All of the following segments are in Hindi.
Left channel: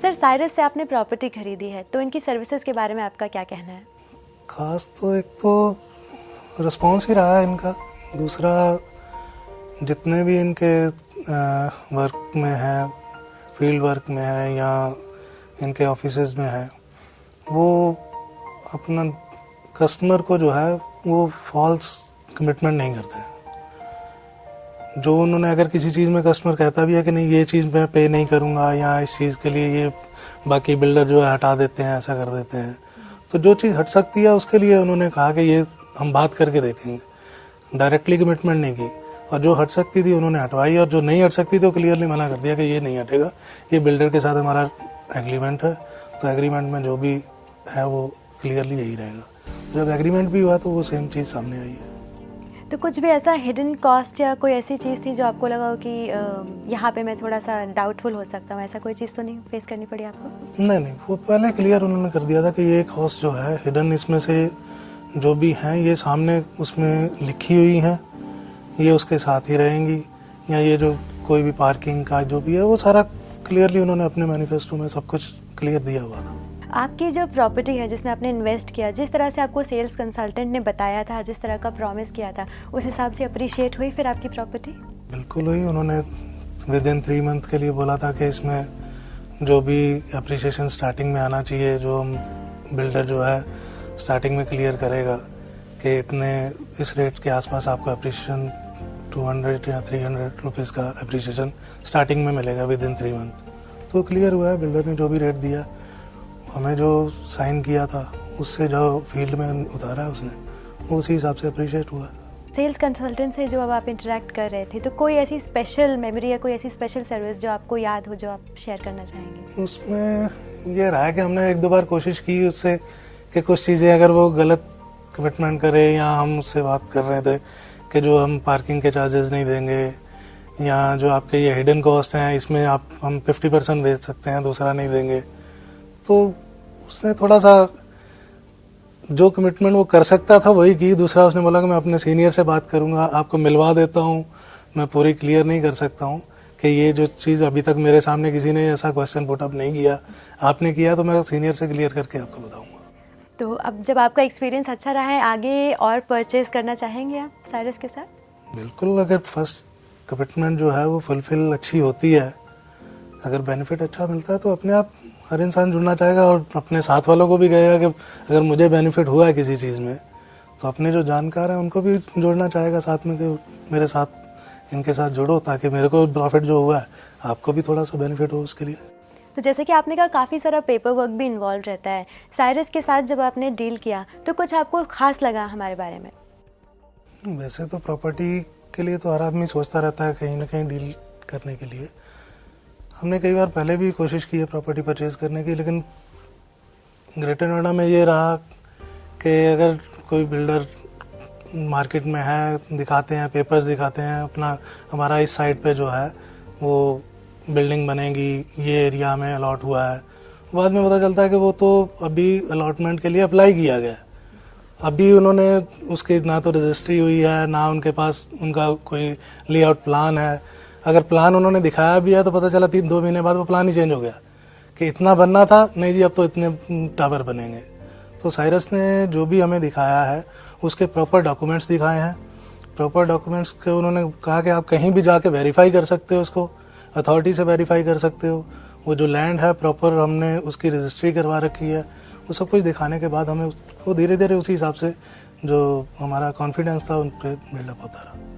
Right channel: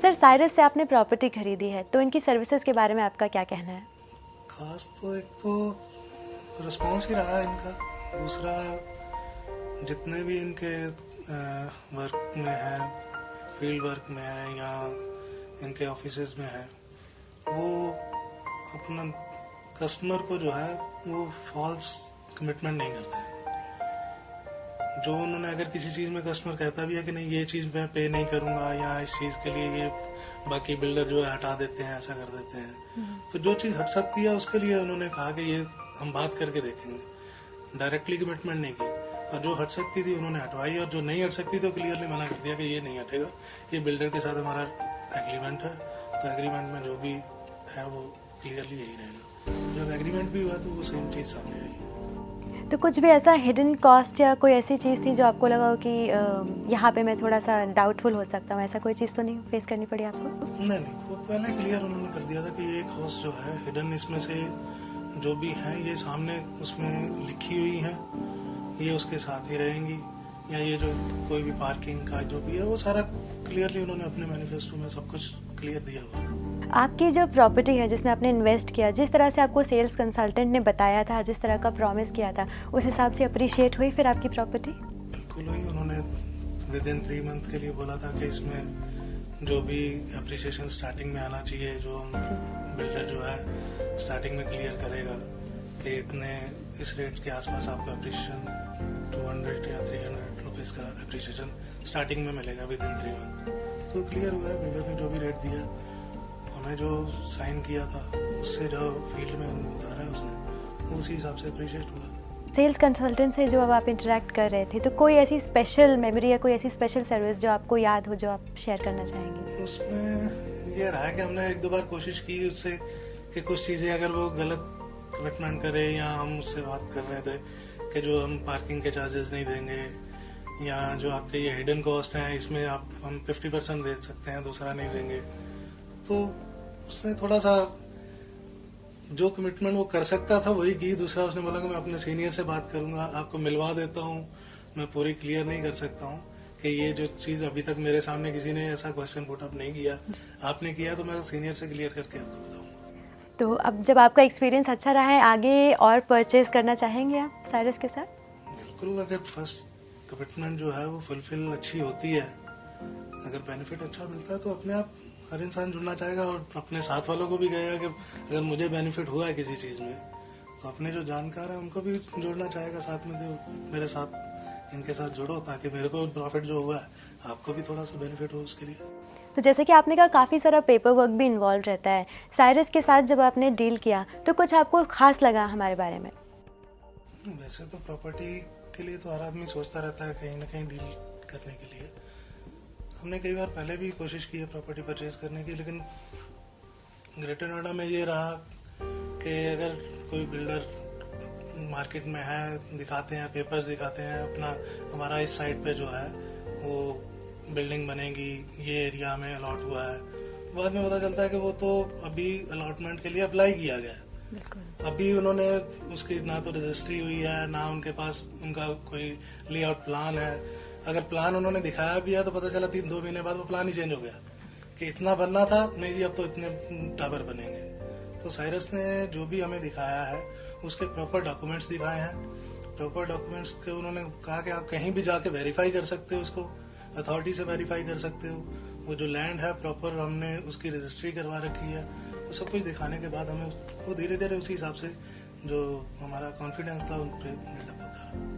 सर, साइरस से आपने प्रॉपर्टी खरीदी है, तो इनकी सर्विसेज के बारे में आपका क्या कहना है? खास तो एक तो रिस्पॉन्स ही रहा है इनका, दूसरा जितने भी इनके वर्क में है, फील्ड वर्क में है या इनके ऑफिसेज में है, वो अपना कस्टमर को जो है वो फॉल्स कमिटमेंट नहीं करते हैं। जो उन्होंने अगर किसी चीज़ में कस्टमर कहता भी है कि नहीं ये चीज़ मैं पे नहीं करूँगा या इस चीज़ के लिए ये बाकी बिल्डर जो है हटा देते हैं, ऐसा कर देते हैं, तो जो चीज़ हट सकती है उसके लिए उन्होंने कहा कि ये हम बात करके देखेंगे, डायरेक्टली कमिटमेंट नहीं की। और जो हट सकती थी उन्होंने हटवाई, और जो नहीं हट सकती थी वो क्लियरली मना कर दिया कि ये नहीं हटेगा, ये बिल्डर के साथ हमारा एग्रीमेंट है, तो एग्रीमेंट में जो भी है वो क्लियरली यही रहेगा। जब एग्रीमेंट भी हुआ तो वो सेम चीज़ सामने आई है। तो कुछ भी ऐसा हिडन कॉस्ट या कोई ऐसी चीज़ थी जो आपको लगा हो कि यहाँ पे मैं थोड़ा सा डाउटफुल हो सकता हूँ, ऐसा कोई चीज़ तो नहीं फेस करनी पड़ी आपको? नहीं, वो पहले क्लियर उन्होंने कर दिया था कि ये कॉस्ट जो है हिडन, इसमें से जो भी हैं ये सामने उसमें लिखी हुई हैं, ये उसके साथ ही रहेंगी, या ये जो कोई भी पार्किंग का जो भी है वो सारा क्लियरली उन्होंने अपने मैनिफेस्टो में सब कुछ क्लियर दिया हुआ था। आपकी जो प्रॉपर्टी है जिसमें आपने इन्वेस्ट किया, जिस तरह से आपको सेल्स कंसल्टेंट ने बताया था, जिस तरह का प्रॉमिस किया था, उस हिसाब से अप्रिशिएट हुई फिर आपकी प्रॉपर्टी? बिल्कुल हुई। उन्होंने विद इन 3 मंथ के लिए बोला था कि इसमें जो भी अप्रिशिएशन स्टार्टिंग में आना चाहिए, जो हम बिल्डर जो है स्टार्टिंग में क्लियर करेगा कि इतने इस रेट के आसपास आपको अप्रिशिएशन 200 या 300 रुपीज़ का अप्रिशिएशन स्टार्टिंग में मिलेगा विद इन 3 मंथ। तो क्लियर हुआ है, बिल्डर ने जो भी रेट दिया, हमें जो साइन किया था उससे जो फील्ड में उतारा है उसने, वो उसी हिसाब से अप्रिशिएट हुआ। सेल्स कंसल्टेंट से जो अब आप इंटरेक्ट कर रहे थे, तो कोई ऐसी स्पेशल मेमोरी या कोई ऐसी स्पेशल सर्विस जो आपको याद हो, जो आप शेयर करना चाहेंगे? उसमें ये रहा है कि हमने 1-2 बार कोशिश की उससे कि कुछ चीज़ें अगर वो गलत कमिटमेंट करे, या हम उससे बात कर रहे थे कि जो हम पार्किंग के चार्जेस नहीं देंगे, या जो आपके ये हिडन कॉस्ट हैं इसमें हम 50% दे सकते हैं, दूसरा नहीं देंगे, तो उसने थोड़ा सा जो कमिटमेंट वो कर सकता था वही की। दूसरा उसने बोला कि मैं अपने सीनियर से बात करूंगा, आपको मिलवा देता हूं, मैं पूरी क्लियर नहीं कर सकता हूं कि ये जो चीज़ अभी तक मेरे सामने किसी ने ऐसा क्वेश्चन पुट अप नहीं किया, आपने किया तो मैं सीनियर से क्लियर करके आपको बताऊंगा। तो अब जब आपका एक्सपीरियंस अच्छा रहा है, आगे और परचेज करना चाहेंगे आप साइरस के साथ? बिल्कुल, अगर फर्स्ट कमिटमेंट जो है वो फुलफिल अच्छी होती है, अगर बेनिफिट अच्छा मिलता है तो अपने आप हर इंसान जुड़ना चाहेगा, और अपने साथ वालों को भी कहेगा कि अगर मुझे बेनिफिट हुआ है किसी चीज़ में तो अपने जो जानकार हैं उनको भी जोड़ना चाहेगा साथ में, कि मेरे साथ इनके साथ जुड़ो ताकि मेरे को प्रॉफिट जो हुआ है आपको भी थोड़ा सा बेनिफिट हो उसके लिए। तो जैसे कि आपने कहा काफ़ी सारा पेपर वर्क भी इन्वॉल्व रहता है, साइरस के साथ जब आपने डील किया तो कुछ आपको खास लगा हमारे बारे में? वैसे तो प्रॉपर्टी के लिए तो हर आदमी सोचता रहता है कहीं ना कहीं डील करने के लिए। हमने कई बार पहले भी कोशिश की है प्रॉपर्टी परचेज़ करने की, लेकिन ग्रेटर नोएडा में ये रहा कि अगर कोई बिल्डर मार्केट में है, दिखाते हैं, पेपर्स दिखाते हैं अपना, हमारा इस साइड पे जो है वो बिल्डिंग बनेगी, ये एरिया में अलॉट हुआ है, बाद में पता चलता है कि वो तो अभी अलॉटमेंट के लिए अप्लाई किया गया है, अभी उन्होंने उसकी ना तो रजिस्ट्री हुई है, ना उनके पास उनका कोई लेआउट प्लान है। अगर प्लान उन्होंने दिखाया भी है तो पता चला 3-2 महीने बाद वो प्लान ही चेंज हो गया कि इतना बनना था, नहीं जी अब तो इतने टावर बनेंगे। तो साइरस ने जो भी हमें दिखाया है उसके प्रॉपर डॉक्यूमेंट्स दिखाए हैं। प्रॉपर डॉक्यूमेंट्स के उन्होंने कहा कि आप कहीं भी जाके वेरीफाई कर सकते हो, उसको अथॉरिटी से वेरीफाई कर सकते हो, वो जो लैंड है प्रॉपर हमने उसकी रजिस्ट्री करवा रखी है, वो सब कुछ दिखाने के बाद हमें वो धीरे धीरे उसी हिसाब से जो हमारा कॉन्फिडेंस था उन पर बिल्डअप होता रहा।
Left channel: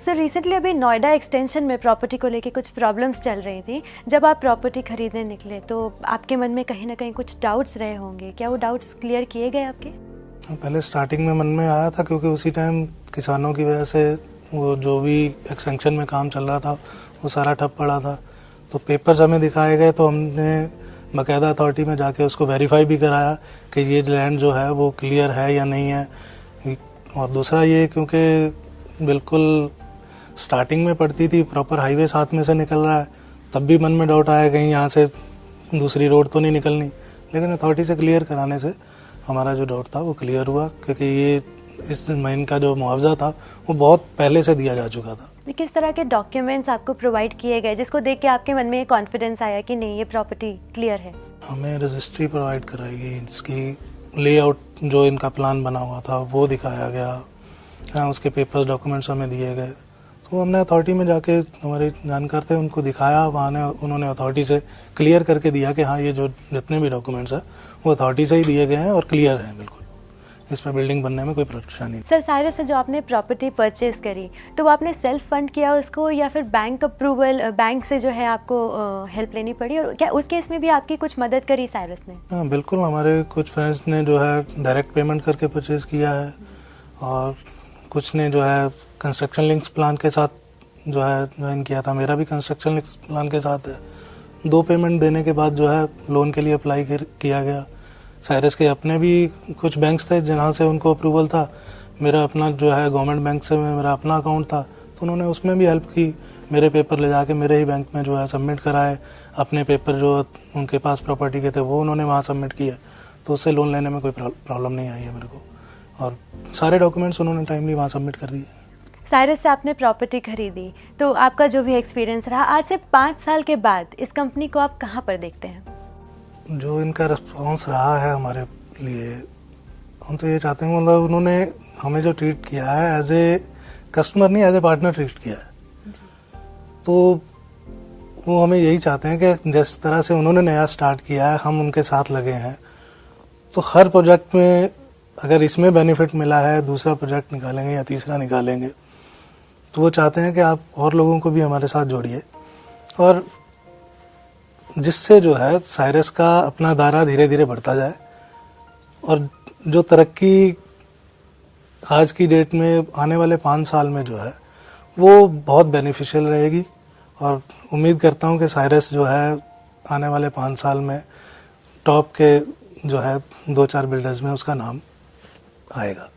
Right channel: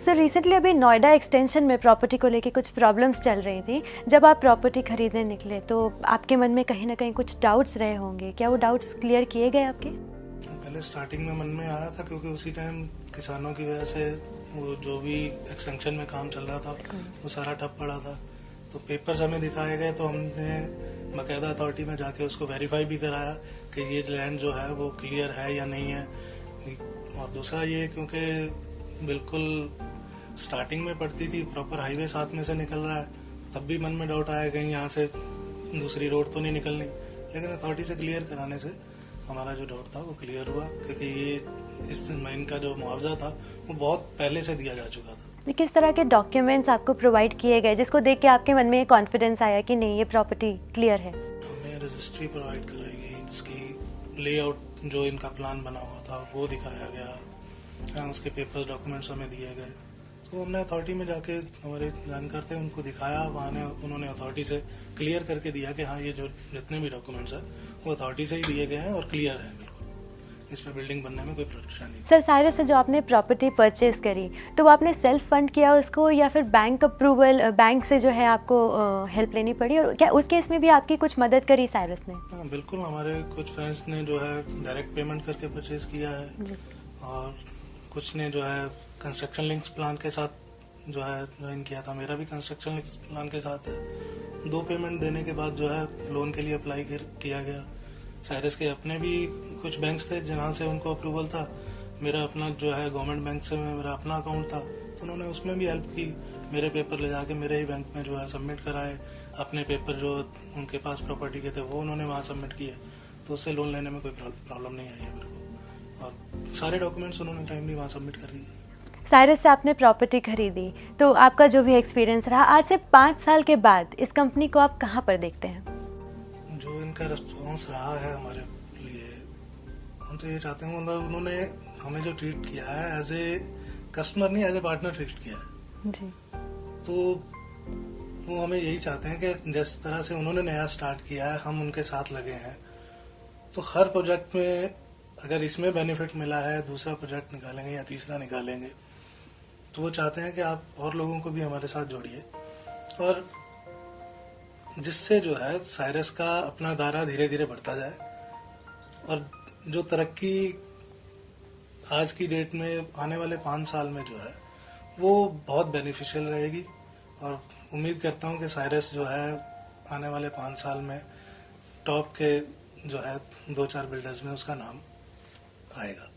सर, रिसेंटली अभी नोएडा एक्सटेंशन में प्रॉपर्टी को लेके कुछ प्रॉब्लम्स चल रही थी। जब आप प्रॉपर्टी खरीदने निकले तो आपके मन में कहीं ना कहीं कुछ डाउट्स रहे होंगे, क्या वो डाउट्स क्लियर किए गए आपके? पहले स्टार्टिंग में मन में आया था, क्योंकि उसी टाइम किसानों की वजह से वो जो भी एक्सटेंशन में काम चल रहा था वो सारा ठप पड़ा था। तो पेपर्स हमें दिखाए गए तो हमने बाकायदा अथॉरिटी में जाके उसको वेरीफाई भी कराया कि ये लैंड जो है वो क्लियर है या नहीं है। और दूसरा ये, क्योंकि बिल्कुल स्टार्टिंग में पड़ती थी, प्रॉपर हाईवे साथ में से निकल रहा है, तब भी मन में डाउट आया कहीं यहाँ से दूसरी रोड तो नहीं निकलनी, लेकिन अथॉरिटी से क्लियर कराने से हमारा जो डाउट था वो क्लियर हुआ, क्योंकि ये इस ज़मीन का जो मुआवजा था वो बहुत पहले से दिया जा चुका था। किस तरह के डॉक्यूमेंट्स आपको प्रोवाइड किए गए जिसको देख के आपके मन में ये कॉन्फिडेंस आया कि नहीं ये प्रॉपर्टी क्लियर है? हमें रजिस्ट्री प्रोवाइड कराई गई जिसकी लेआउट जो इनका प्लान बना हुआ था वो दिखाया गया, उसके पेपर्स डॉक्यूमेंट्स हमें दिए गए। तो हमने अथॉरिटी में जाके हमारे जानकार थे उनको दिखाया, वहाँ ने उन्होंने अथॉरिटी से क्लियर करके दिया कि हाँ ये जो जितने भी डॉक्यूमेंट्स हैं वो अथॉरिटी से ही दिए गए हैं और क्लियर हैं बिल्कुल, इसमें बिल्डिंग बनने में कोई परेशानी नहीं। सर साइरस से जो आपने प्रॉपर्टी परचेज करी तो वो आपने सेल्फ फंड किया उसको या फिर बैंक अप्रूवल, बैंक से जो है आपको हेल्प लेनी पड़ी, और क्या उस केस में भी आपकी कुछ मदद करी साइरस ने? हाँ बिल्कुल, हमारे कुछ फ्रेंड्स ने जो है डायरेक्ट पेमेंट करके परचेज़ किया है और कुछ ने जो है कंस्ट्रक्शन लिंक्स प्लान के साथ जो है ज्वाइन किया था। मेरा भी कंस्ट्रक्शन लिंक्स प्लान के साथ है। 2 पेमेंट देने के बाद जो है लोन के लिए अप्लाई किया गया। साइरस के अपने भी कुछ बैंक्स थे जहाँ से उनको अप्रूवल था, मेरा अपना जो है गवर्नमेंट बैंक से मेरा अपना अकाउंट था तो उन्होंने उसमें भी हेल्प की। मेरे पेपर ले जाके मेरे ही बैंक में जो है सबमिट कराए, अपने पेपर जो उनके पास प्रॉपर्टी के थे वो उन्होंने वहाँ सबमिट किए, तो उससे लोन लेने में कोई प्रॉब्लम नहीं आई है मेरे को, और सारे डॉक्यूमेंट्स उन्होंने टाइमली वहाँ सबमिट कर दिए। साइरस से आपने प्रॉपर्टी खरीदी तो आपका जो भी एक्सपीरियंस रहा, आज से 5 साल के बाद इस कंपनी को आप कहाँ पर देखते हैं? जो इनका रिस्पॉन्स रहा है हमारे लिए, हम तो ये चाहते हैं मतलब उन्होंने हमें जो ट्रीट किया है एज ए कस्टमर नहीं एज ए पार्टनर ट्रीट किया है जी। तो वो हमें यही चाहते हैं कि जिस तरह से उन्होंने नया स्टार्ट किया है हम उनके साथ लगे हैं। तो हर प्रोजेक्ट में अगर इसमें बेनिफिट मिला है दूसरा प्रोजेक्ट निकालेंगे या तीसरा निकालेंगे, तो वो चाहते हैं कि आप और लोगों को भी हमारे साथ जोड़िए, और जिससे जो है साइरस का अपना दायरा धीरे धीरे बढ़ता जाए और जो तरक्की आज की डेट में आने वाले 5 साल में जो है वो बहुत बेनिफिशियल रहेगी। और उम्मीद करता हूँ कि साइरस जो है आने वाले 5 साल में टॉप के जो है 2-4 बिल्डर्स में उसका नाम आएगा।